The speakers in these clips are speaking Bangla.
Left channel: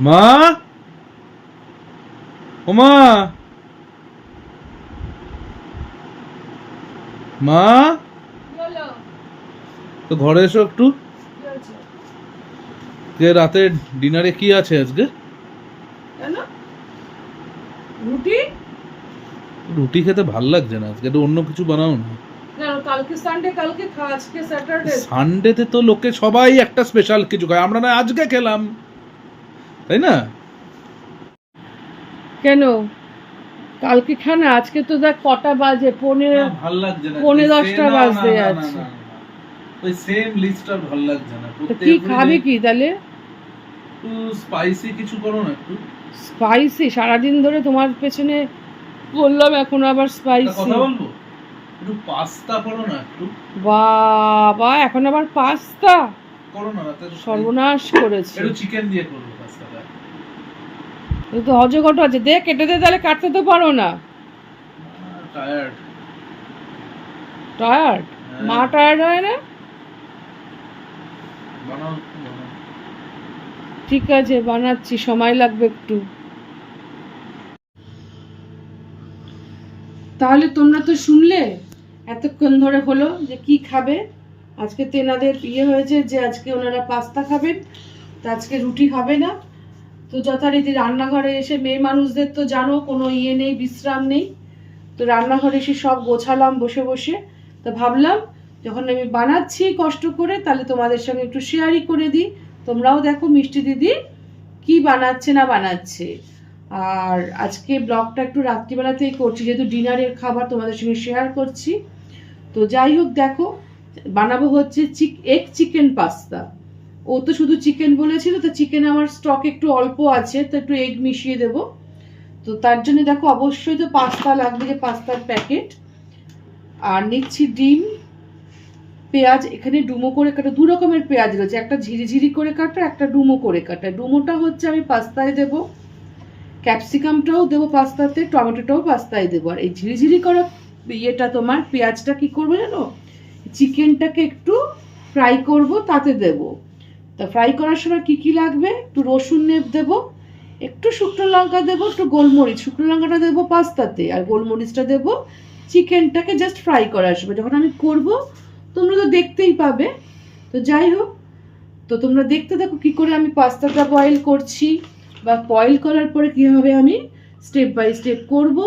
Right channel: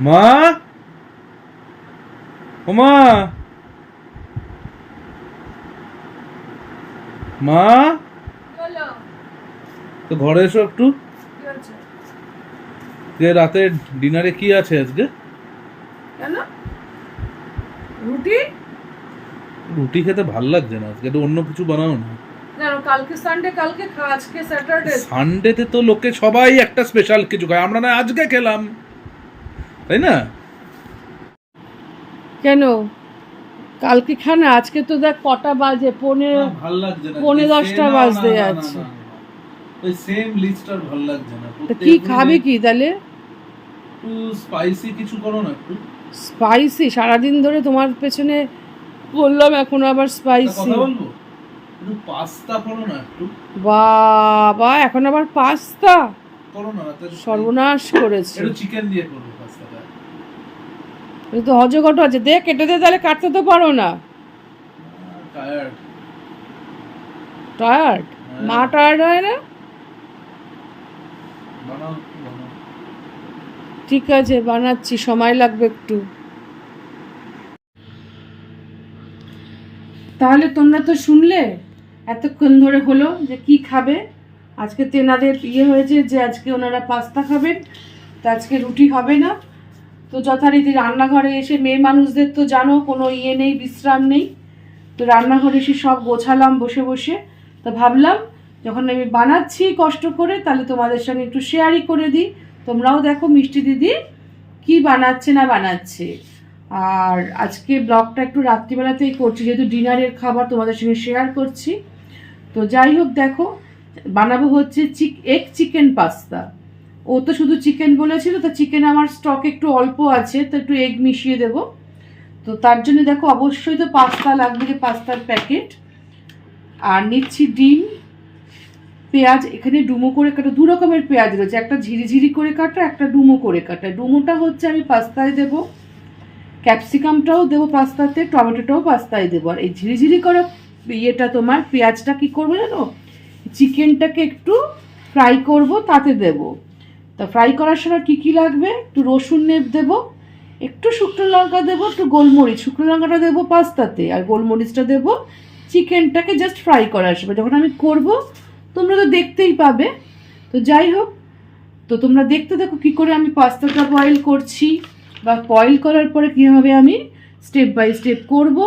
মা, ও মা, মা, তো ঘরে এসো একটু। যে রাতে ডিনারে কি আছে আজকে? কেন? রুটি? রুটি খেতে ভাল লাগছে না আজকে, একটু অন্য কিছু বানাও না। কেন? কালকে সানডে, কালকে খা, আজকে স্যাটারডে। সানডেতে তো লোকে সবাই একটা স্পেশাল কিছু খায়, আমরা না আজকে খেলাম, তাই না? কেন কালকে খানা? আজকে তো দেখ কটা বাজে, ভাল লাগছে না, 10:45 বাজতে যাচ্ছে। ওই সেম লিস্ট আর ভাল লাগছে না। তো কি খাবে কি তাহলে? একটু স্পাইসি কিছু করো না একটু। স্পাইসি? সারাদিন ধরে তোমার পেছনে বললাম, এখন আবার স্পাইসি? কথা বলবো, একটু পাস্তা করো না একটু। বাবা, এখন আবার পাস্তা? করো না রাতে, সর্বনাশ করেছে। একটু চিকেন দিয়ে করো পাস্তাটা। এই তো অজগট আছে, দে কেটে দে, তাহলে কাটতে তো পারো না। টায়ার্ড। টায়ার্ড? মা টায়ার্ড হয় না? বানাও বানাও। ঠিক আছে, বানাচ্ছি, সময় লাগবে একটু। তাহলে তোমরা তো শুনলে এতক্ষণ ধরে হলো যে কি খাবে। আজকে তেনাদের হয়েছে যে আজকে ওনারা পাস্তা খাবেন, তো আজকে রুটি হবে না। তো যথারীতি রান্নাঘরে এসে মেয়ে মানুষদের তো জানো কোনো নেই, বিশ্রাম নেই। তো রান্নাঘরে এসে সব গোছালাম বসে বসে। তো ভাবলাম যখন আমি বানাচ্ছি কষ্ট করে, তাহলে তোমাদের সঙ্গে একটু শেয়ারই করে দিই। তোমরাও দেখো মিষ্টি দিদি কি বানাচ্ছে না বানাচ্ছে। আর আজকে ব্লগটা একটু রাত্রিবেলাতেই করছি, যেহেতু ডিনারের খাবার তোমাদের সঙ্গে শেয়ার করছি। তো যাই হোক, দেখো বানাবো হচ্ছে এগ চিকেন পাস্তা। ও তো শুধু চিকেন বলেছিল, তো চিকেন আমার স্টক একটু অল্প আছে, তো একটু এগ মিশিয়ে দেবো। তো তার জন্য দেখো অবশ্যই তো পাস্তা লাগবে, যে পাস্তার প্যাকেট। আর নিচ্ছি ডিম, পেঁয়াজ এখানে ডুমো করে কাটা, দু রকমের পেঁয়াজ রয়েছে, একটা ঝিরিঝিরি করে কাটা, একটা ডুমো করে কাটা। ডুমোটা হচ্ছে আমি পাস্তায় দেবো, ক্যাপসিকামটাও দেবো পাস্তাতে, টমেটোটাও পাস্তায় দেবো। আর এই ঝিরিঝিরি করা তোমার পেঁয়াজটা কি করবো জানো, চিকেনটাকে একটু ফ্রাই করব, তাতে দেব। তা ফ্রাই করার সময় কি কি লাগবে, একটু রসুন দেবো, একটু শুকনো লঙ্কা দেবো, একটু গোলমরিচ। শুকনো লঙ্কাটা দেবো পাস্তাতে, আর গোলমরিচটা দেবো চিকেনটাকে জাস্ট ফ্রাই করার সময়। যখন আমি করব তোমরা তো দেখতেই পাবে। তো যাই হোক, তো তোমরা দেখতে থাকো কী করে আমি পাস্তাটা বয়েল করছি, বা বয়েল করার পরে কীভাবে আমি স্টেপ বাই স্টেপ করব।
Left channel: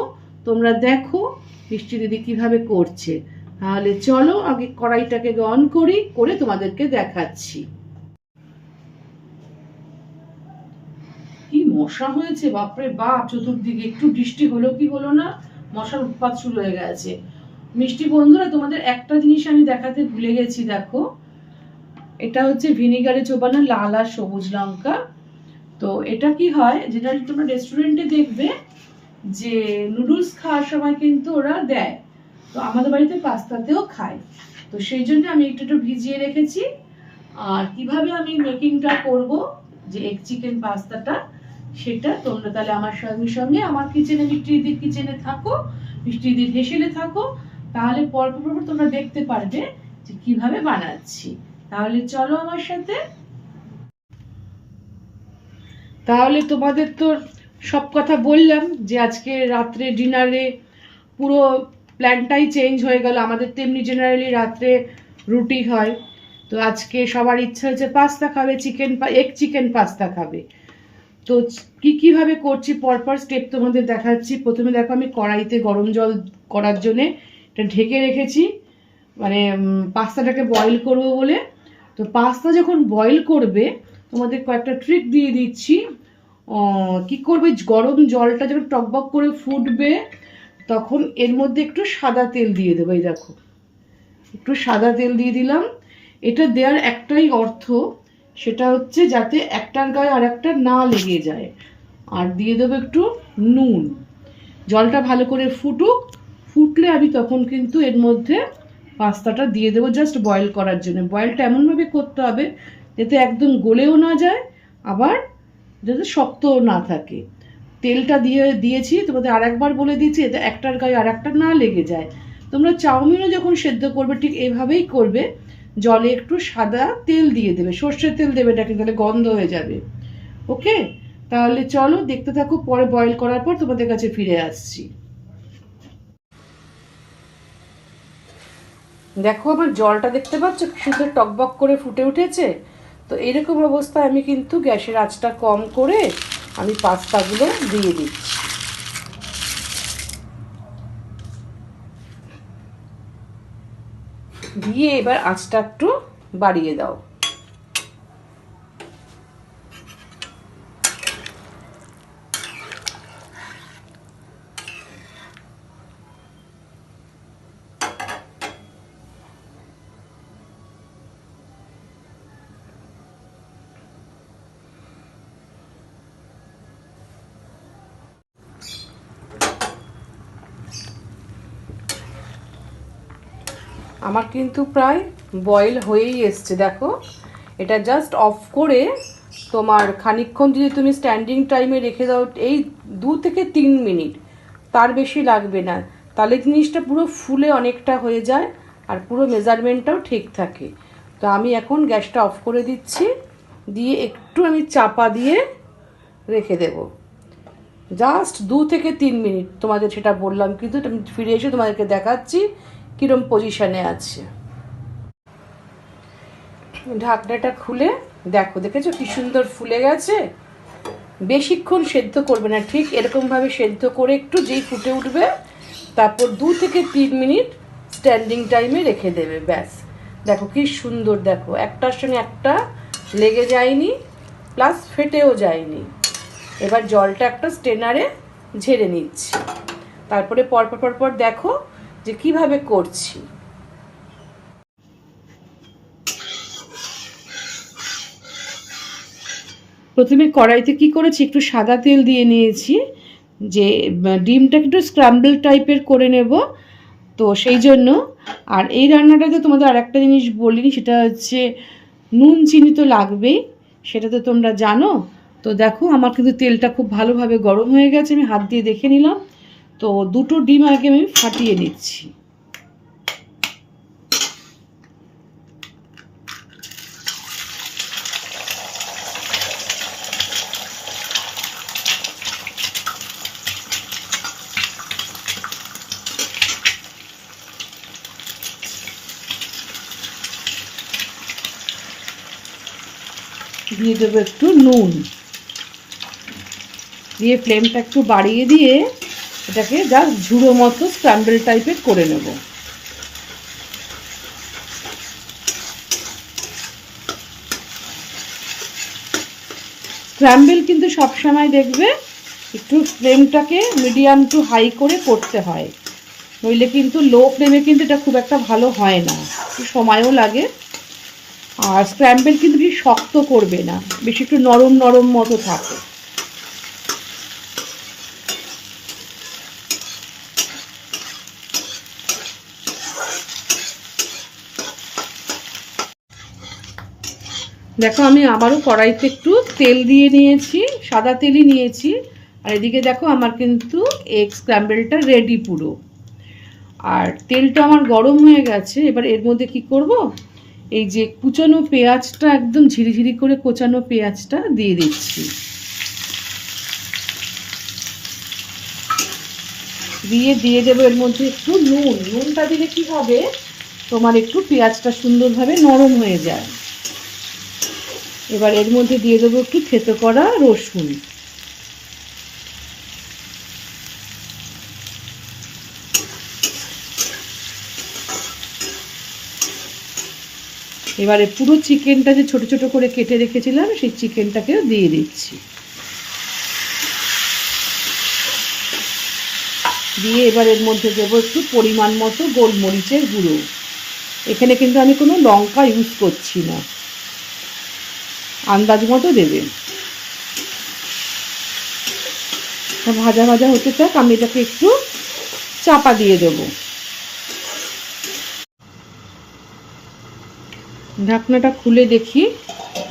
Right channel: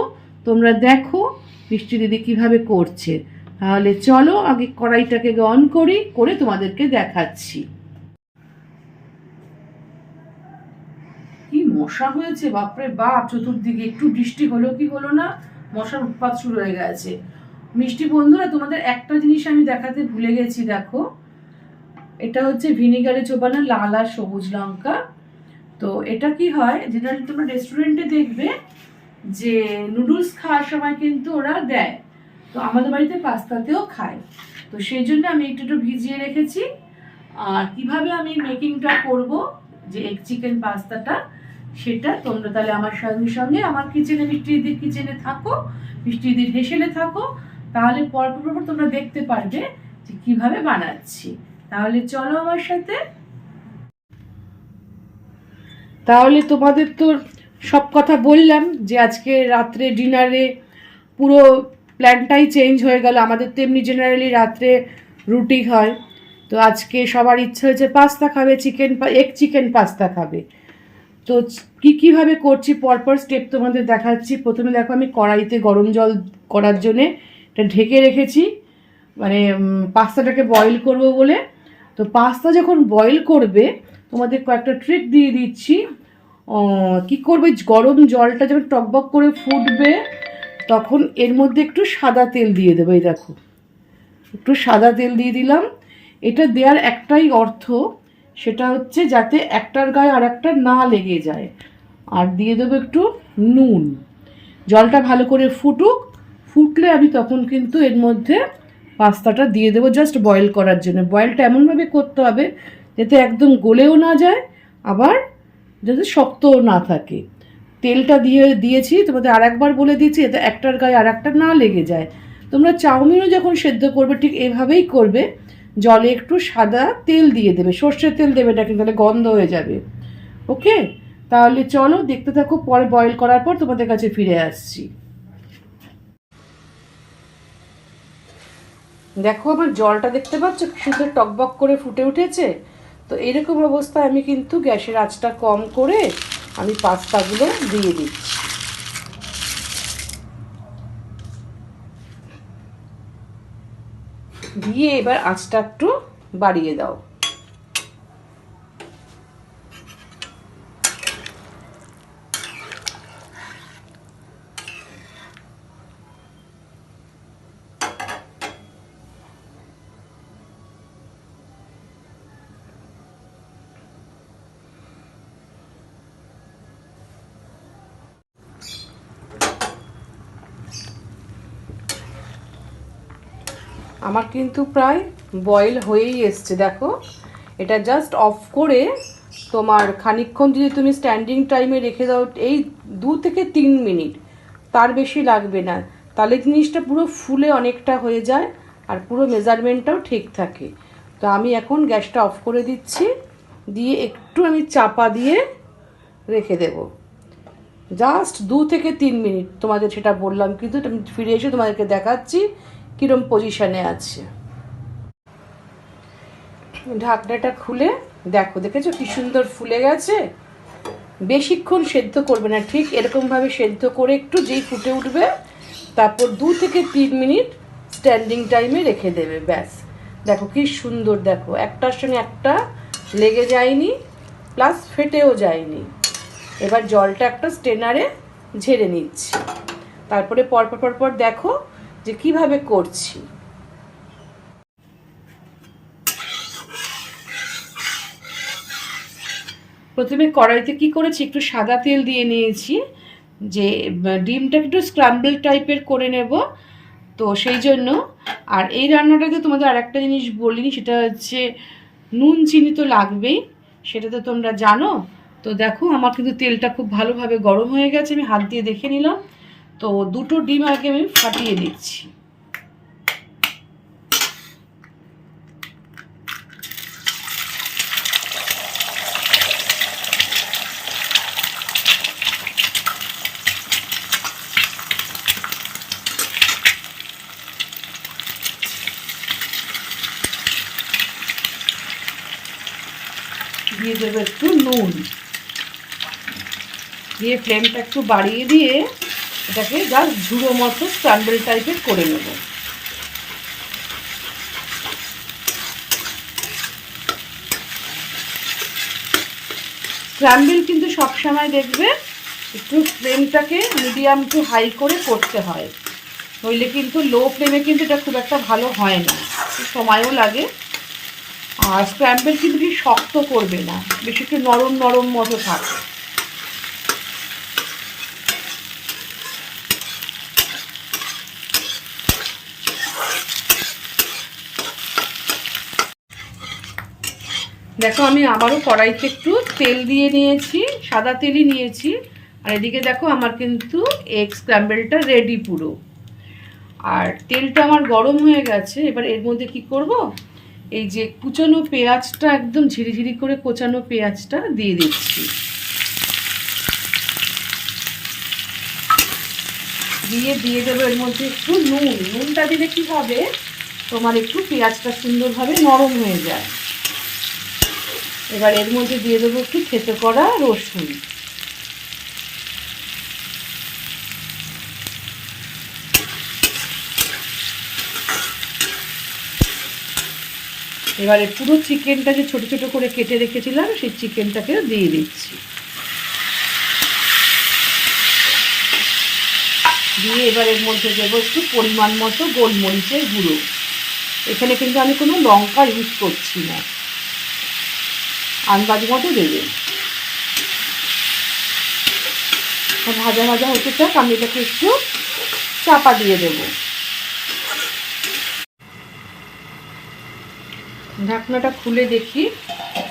তোমরা দেখো মিষ্টি দিদি কীভাবে করছে। তাহলে চলো আগে কড়াইটাকে অন করি, করে তোমাদেরকে দেখাচ্ছি। কি মশা হয়েছে বাপরে বাপ চতুর্দিকে, একটু বৃষ্টি হলো কি হলো না, মশার উৎপাত শুরু হয়ে গেছে। মিষ্টি বন্ধুরা, তোমাদের একটা জিনিস আমি দেখাতে ভুলে গেছি, দেখো এটা হচ্ছে ভিনিগারে চোবানো লাল আর সবুজ লঙ্কা। তো এটা কি হয়, যেটা তোমরা রেস্টুরেন্টে দেখবে যে নুডলস খাওয়ার সময় কিন্তু ওরা দেয়, তো আমাদের বাড়িতে পাস্তাতেও খায়। তো সেই জন্য আমি একটু ভিজিয়ে রেখেছি। আর কিভাবে আমি মেকিংটা করব, যে এগ চিকেন পাস্তাটা, সেটা তোমরা তাহলে আমার সঙ্গে সঙ্গে আমার কিচেনে, মিষ্টি দিদির কিচেনে থাকো, মিষ্টি দিদির হেসেলে থাকো, তাহলে পরপর তোমরা দেখতে পারবে যে কিভাবে বানাচ্ছি। তাহলে চলো আমার সাথে। তাহলে তোমাদের তো সব কথা বললাম, যে আজকে রাত্রে ডিনারে পুরো প্ল্যানটাই চেঞ্জ হয়ে গেল। আমাদের তো এমনি জেনারেলি রাত্রে রুটি হয়, তো আজকে সবার ইচ্ছে হয়েছে পাস্তা খাবে, এগ চিকেন পাস্তা খাবে। তো কীভাবে করছি পরপর স্টেপ তোমাদের দেখাচ্ছি। প্রথমে দেখো আমি কড়াইতে গরম জল করার জন্যে এটা ঢেকে রেখেছি, মানে পাস্তাটাকে বয়েল করব বলে। তো পাস্তা যখন বয়েল করবে, তোমাদের কয়েকটা ট্রিক দিয়ে দিচ্ছি। কি করবে, গরম জলটা যখন টকবক করে ফুটবে, তখন এর মধ্যে একটু সাদা তেল দিয়ে দেবে। এই দেখো একটু সাদা তেল দিয়ে দিলাম। এটা দেওয়ার একটাই অর্থ, সেটা হচ্ছে যাতে একটার গায়ে আর একটা না লেগে যায়। আর দিয়ে দেবো একটু নুন। জলটা ভালো করে ফুটুক, ফুটলে আমি তখন কিন্তু এর মধ্যে পাস্তাটা দিয়ে দেবো, জাস্ট বয়েল করার জন্য। বয়েলটা এমনভাবে করতে হবে যাতে একদম গলেও না যায়, আবার যাতে শক্তও না থাকে। তেলটা দিয়েছি, তোমাদের আর একবার বলে দিচ্ছি, যাতে একটার গায়ে আর একটা না লেগে যায়। তোমরা চাউমিনও যখন সেদ্ধ করবে ঠিক এভাবেই করবে, জলে একটু সাদা তেল দিয়ে দেবে, সর্ষের তেল দেবে না, কিন্তু তাহলে গন্ধ হয়ে যাবে। ওকে, তাহলে চলো দেখতে থাকো, পরে বয়েল করার পর তোমাদের কাছে ফিরে আসছি। দেখো আমার জলটা দেখতে পাচ্ছ কি সুন্দর টকবক করে ফুটে উঠেছে। তো এরকম অবস্থায় আমি কিন্তু গ্যাসের আঁচটা কম করে আমি পাস্তাগুলো দিয়ে দিচ্ছি। দিয়ে এবার আঁচটা একটু বাড়িয়ে দাও। আমার কিন্তু প্রায় বয়েল হয়েই এসছে, দেখো। এটা জাস্ট অফ করে তোমার খানিকক্ষণ যদি তুমি স্ট্যান্ডিং টাইমে রেখে দাও, এই 2 থেকে 3 মিনিট, তার বেশি লাগবে না, তাহলে জিনিসটা পুরো ফুলে অনেকটা হয়ে যায় আর পুরো মেজারমেন্টটাও ঠিক থাকে। তো আমি এখন গ্যাসটা অফ করে দিচ্ছি, দিয়ে একটু আমি চাপা দিয়ে রেখে দেব জাস্ট 2 থেকে 3 মিনিট। তোমাদের সেটা বললাম, কিন্তু আমি ফিরে এসে তোমাদেরকে দেখাচ্ছি কিরম পজিশনে আছে। ঢাকনাটা খুলে দেখো, দেখেছো কি সুন্দর ফুলে গেছে। বেশিক্ষণ সেদ্ধ করবে না, ঠিক এরকমভাবে সেদ্ধ করে একটু যেই ফুটে উঠবে তারপর 2 থেকে 3 মিনিট স্ট্যান্ডিং টাইমে রেখে দেবে, ব্যাস। দেখো কি সুন্দর, দেখো একটার সঙ্গে একটা লেগে যায়নি, প্লাস ফেটেও যায়নি। এবার জলটা একটা স্ট্রেনারে ঝেড়ে নিচ্ছি, তারপরে পরপর পরপর দেখো যে কিভাবে করছি। প্রথমে কড়াইতে কি করেছি, একটু সাদা তেল দিয়ে নিয়েছি, যে ডিমটা একটু স্ক্র্যাম্বল টাইপের করে নেব, তো সেই জন্য। আর এই রান্নাটাতে তোমাদের আর একটা জিনিস বলিনি, সেটা হচ্ছে নুন চিনি তো লাগবেই, সেটা তো তোমরা জানো। তো দেখো আমার কিন্তু তেলটা খুব ভালোভাবে গরম হয়ে গেছে, আমি হাত দিয়ে দেখে নিলাম। তো 2টো ডিম আগে আমি ফাটিয়ে দিচ্ছি। দিয়ে দেবো একটু নুন, দিয়ে ফ্লেমটা একটু বাড়িয়ে দিয়ে এটাকে জাস্ট ঝুড়ো মতো স্ক্র্যাম্বল টাইপের করে নেব। স্ক্র্যাম্বল কিন্তু সবসময় দেখবে একটু ফ্লেমটাকে মিডিয়াম টু হাই করে করতে হয়, নইলে কিন্তু লো ফ্লেমে কিন্তু এটা খুব একটা ভালো হয় না, একটু সময়ও লাগে। আর স্ক্র্যাম্বল কিন্তু বেশি শক্ত করবে না, বেশি একটু নরম নরম মতো থাকে। দেখো আমি আবারও কড়াইতে একটু তেল দিয়ে নিয়েছি, সাদা তেলই নিয়েছি। আর এদিকে দেখো আমার কিন্তু এগ স্ক্র্যাম্বলটা রেডি পুরো। আর তেলটা আমার গরম হয়ে গেছে, এবার এর মধ্যে কি করব, এই যে কুচানো পেঁয়াজটা, একদম ঝিরিঝিরি করে কোচানো পেঁয়াজটা দিয়ে দিচ্ছি। দিয়ে দেবো এর মধ্যে একটু নুন। নুনটা দিলে কি হবে, তোমার একটু পেঁয়াজটা সুন্দরভাবে নরম হয়ে যায়। এবার এর মধ্যে দিয়ে দেবো একটু থেতো করা রসুন। এবারে পুরো চিকেনটা যে ছোট ছোট করে কেটে রেখেছিলাম সেই চিকেনটাকেও দিয়ে দিচ্ছি। দিয়ে এবার এর মধ্যে দেবো একটু পরিমাণ মতো গোলমরিচের গুঁড়ো। এখানে কিন্তু আমি কোনো লঙ্কা ইউজ করছি না, আন্দাজ মতো দেবে। ভাজা ভাজা হতে থাক, আমি এটাকে একটু চাপা দিয়ে দেবো। ঢাকনাটা খুলে দেখি,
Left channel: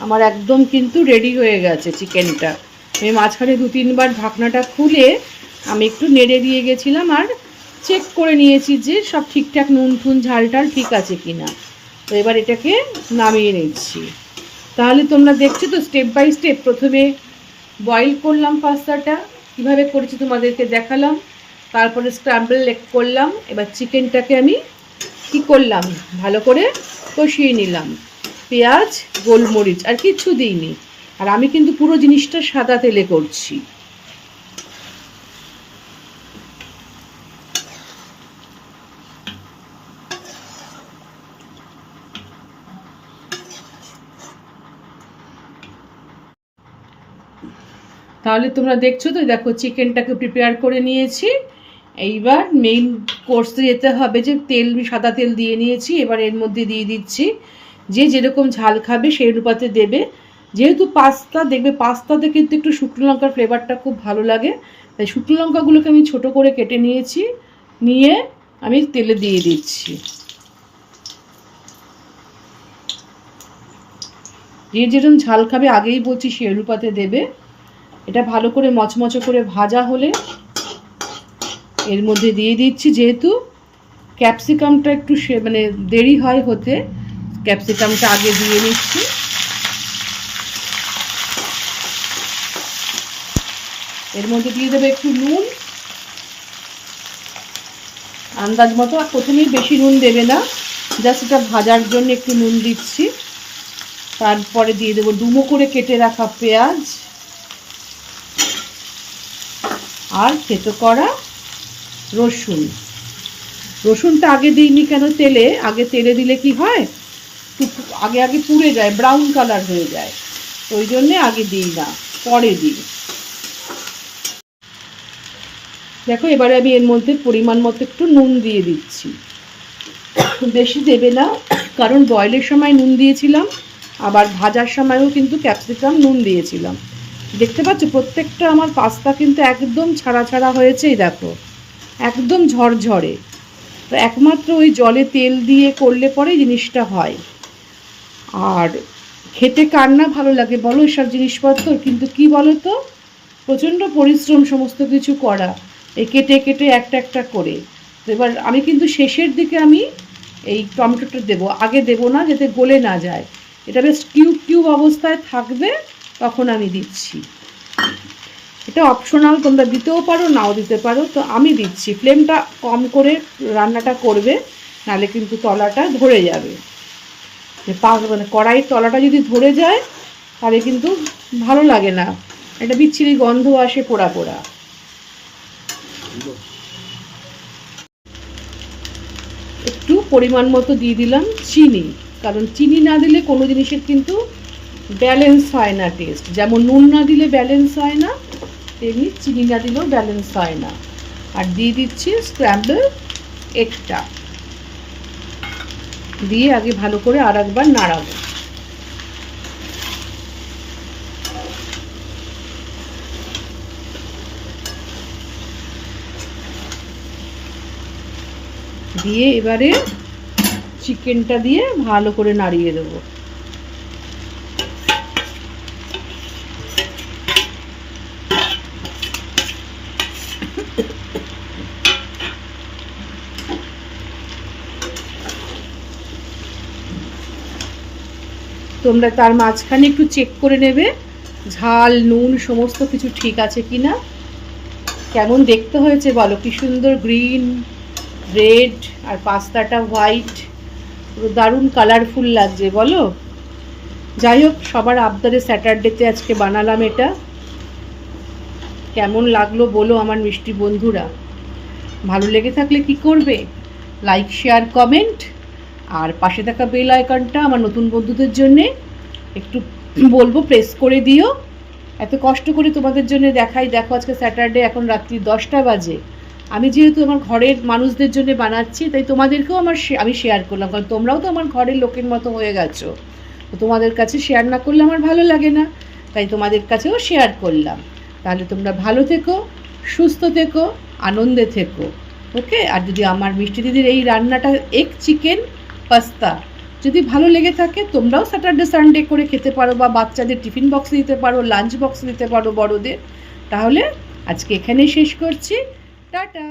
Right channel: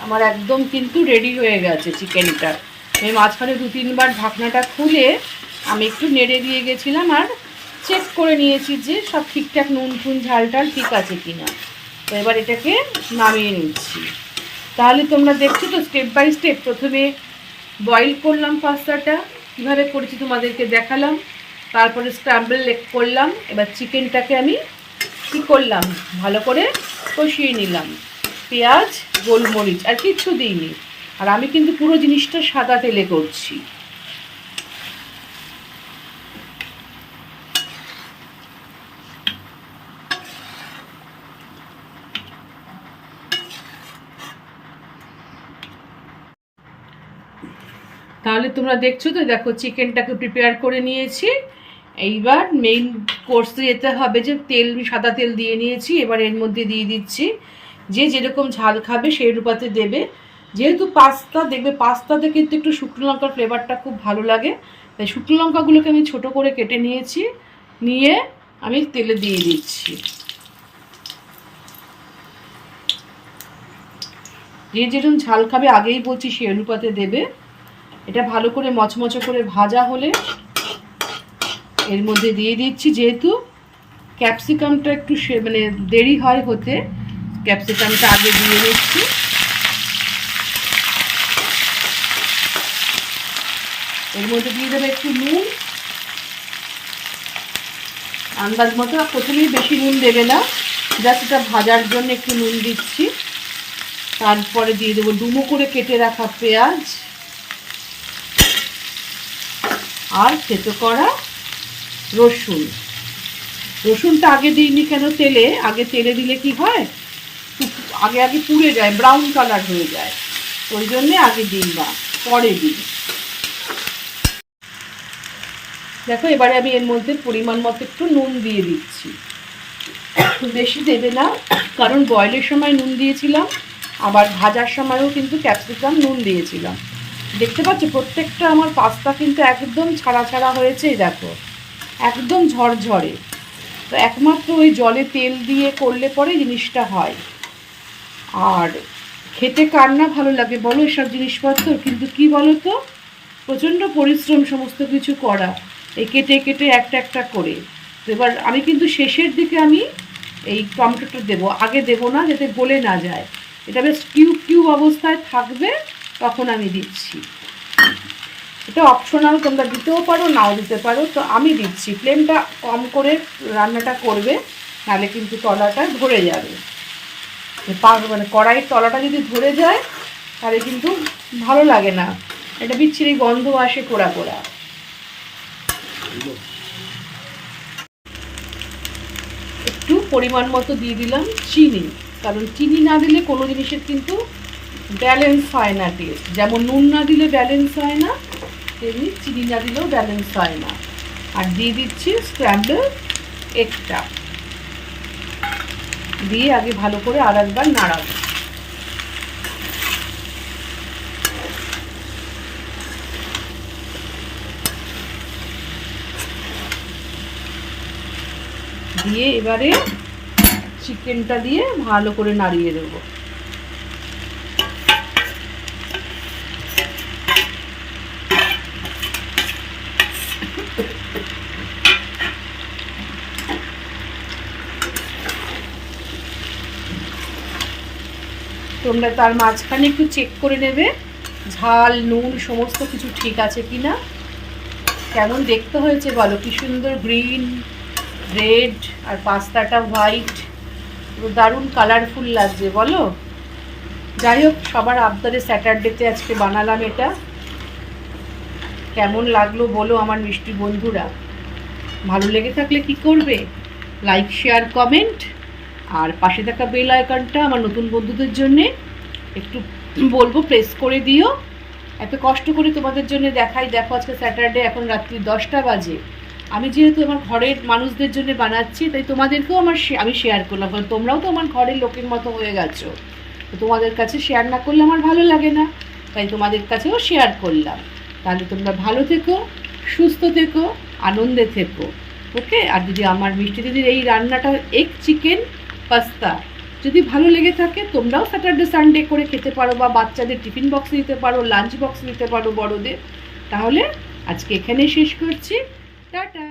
আমার একদম কিন্তু রেডি হয়ে গেছে চিকেনটা। আমি মাঝখানে 2-3 বার ঢাকনাটা খুলে আমি একটু নেড়ে দিয়ে গেছিলাম, আর চেক করে নিয়েছি যে সব ঠিকঠাক নুন টুন ঝাল টাল ঠিক আছে কিনা। তো এবার এটাকে নামিয়ে নিচ্ছি। তাহলে তোমরা দেখছো তো স্টেপ বাই স্টেপ, প্রথমে বয়েল করলাম পাস্তাটা, কীভাবে করেছি তোমাদেরকে দেখালাম। তারপরে স্ক্র্যাম্বল এগ করলাম। এবার চিকেনটাকে আমি কী করলাম, ভালো করে কষিয়ে নিলাম, পেঁয়াজ গোলমরিচ আর কিচ্ছু দিইনি। আর আমি কিন্তু পুরো জিনিসটা সাদা তেলে করছি। তাহলে তোমরা দেখছো তো, দেখো চিকেনটাকে প্রিপেয়ার করে নিয়েছি। এইবার মেইন কোর্সে যেতে হবে, যে তেল সাদা তেল দিয়ে নিয়েছি। এবার এর মধ্যে দিয়ে দিচ্ছি, যে যেরকম ঝাল খাবে সেই অনুপাতে দেবে। যেহেতু পাস্তা, দেখবে পাস্তাতে কিন্তু একটু শুকনো লঙ্কার ফ্লেভারটা খুব ভালো লাগে, তাই শুকনো লঙ্কাগুলোকে আমি ছোট করে কেটে নিয়েছি, নিয়ে আমি তেলে দিয়ে দিচ্ছি। যে যেরকম ঝাল খাবে আগেই বলছি সেই অনুপাতে দেবে। এটা ভালো করে মচমচে করে ভাজা হলে এর মধ্যে দিয়ে দিচ্ছি, যেহেতু ক্যাপসিকামটা একটু মানে দেরি হয় হতে, ক্যাপসিকামটা আগে দিয়ে নিচ্ছি। এর মধ্যে দিয়ে দেবে একটু নুন, আন্দাজ মতো। প্রথমেই বেশি নুন দেবে না, জাস্ট এটা ভাজার জন্য একটু নুন দিচ্ছি। তারপরে দিয়ে দেবো ডুমো করে কেটে রাখা পেঁয়াজ আর থেতো করা রসুন। রসুনটা আগে দিইনি কেন তেলে, আগে তেলে দিলে কি হয়, আগে আগে পুড়ে যায়, ব্রাউন কালার হয়ে যায়, ওই জন্যে আগে দিই না, পরে দিই। দেখো এবারে আমি এর মধ্যে পরিমাণ মতো একটু নুন দিয়ে দিচ্ছি, বেশি দেবে না, কারণ বয়েলের সময় নুন দিয়েছিলাম, আবার ভাজার সময়ও কিন্তু ক্যাপসিকাম নুন দিয়েছিলাম। দেখতে পাচ্ছ প্রত্যেকটা আমার পাস্তা কিন্তু একদম ছাড়া ছাড়া হয়েছে, দেখো একদম ঝরঝরে। তো একমাত্র ওই জলে তেল দিয়ে করলে পরে জিনিসটা হয়। আর খেতে কার না ভালো লাগে বলো এসব জিনিসপত্র, কিন্তু কি বলো তো, প্রচণ্ড পরিশ্রম সমস্ত কিছু করা, এই কেটে কেটে একটা একটা করে। এবার আমি কিন্তু শেষের দিকে আমি এই টমেটোটা দেবো, আগে দেবো না, যাতে গলে না যায়। এটা বেশ কিউব কিউব অবস্থায় থাকবে, তখন আমি দিচ্ছি। এটা অপশনাল, তোমরা দিতেও পারো নাও দিতে পারো, তো আমি দিচ্ছি। ফ্লেমটা কম করে রান্নাটা করবে, নাহলে কিন্তু তলাটা ধরে যাবে। মানে কড়াইয়ের তলাটা যদি ধরে যায় তাহলে কিন্তু ভালো লাগে না, এটা বিচ্ছিরি গন্ধ আসে, পোড়া পোড়া। একটু পরিমাণ মতো দিয়ে দিলাম চিনি, কারণ চিনি না দিলে কোনো জিনিসের কিন্তু ব্যালেন্স হয় না টেস্ট। যেমন নুন না দিলে ব্যালেন্স হয় না, তেমনি চিনি না দিলেও ব্যালেন্স হয় না। আর দিয়ে দিচ্ছি স্ক্র্যাম্বল এগটা, দিয়ে আগে ভালো করে আর একবার নাড়াবো। দিয়ে এবারে চিকেনটা দিয়ে ভালো করে নাড়িয়ে দেবো। তোমরা তার মাঝখানে একটু চেক করে নেবে ঝাল নুন সমস্ত কিছু ঠিক আছে কি না। কেমন দেখতে হয়েছে বলো, কি সুন্দর গ্রিন রেড আর পাস্তাটা হোয়াইট, পুরো দারুণ কালারফুল লাগছে বলো। যাই হোক, সবার আবদারে স্যাটারডেতে আজকে বানালাম এটা। কেমন লাগলো বলো আমার মিষ্টি বন্ধুরা। ভালো লেগে থাকলে কি করবে, লাইক শেয়ার কমেন্ট, আর পাশে থাকা বেল আইকনটা আমার নতুন বন্ধুদের জন্যে একটু বলবো প্রেস করে দিও। এত কষ্ট করে তোমাদের জন্য দেখাই, দেখো আজকে স্যাটারডে, এখন রাত্রি 10টা বাজে। আমি যেহেতু আমার ঘরের মানুষদের জন্য বানাচ্ছি, তাই তোমাদেরকেও আমি শেয়ার করলাম, কারণ তোমরাও তো আমার ঘরের লোকের মতো হয়ে গেছো। তো তোমাদের কাছে শেয়ার না করলে আমার ভালো লাগে না, তাই তোমাদের কাছেও শেয়ার করলাম। তাহলে তোমরা ভালো থেকো, সুস্থ থেকো, আনন্দে থেকো, ওকে। আর যদি আমার মিষ্টি দিদির এই রান্নাটা এগ চিকেন পাস্তা যদি ভালো লেগে থাকে, তোমরাও স্যাটারডে সানডে করে খেতে পারো, বা বাচ্চাদের টিফিন বক্সে দিতে পারো, লাঞ্চ বক্সে দিতে পারো বড়দের। তাহলে আজকে এখানেই শেষ করছি, টাটা।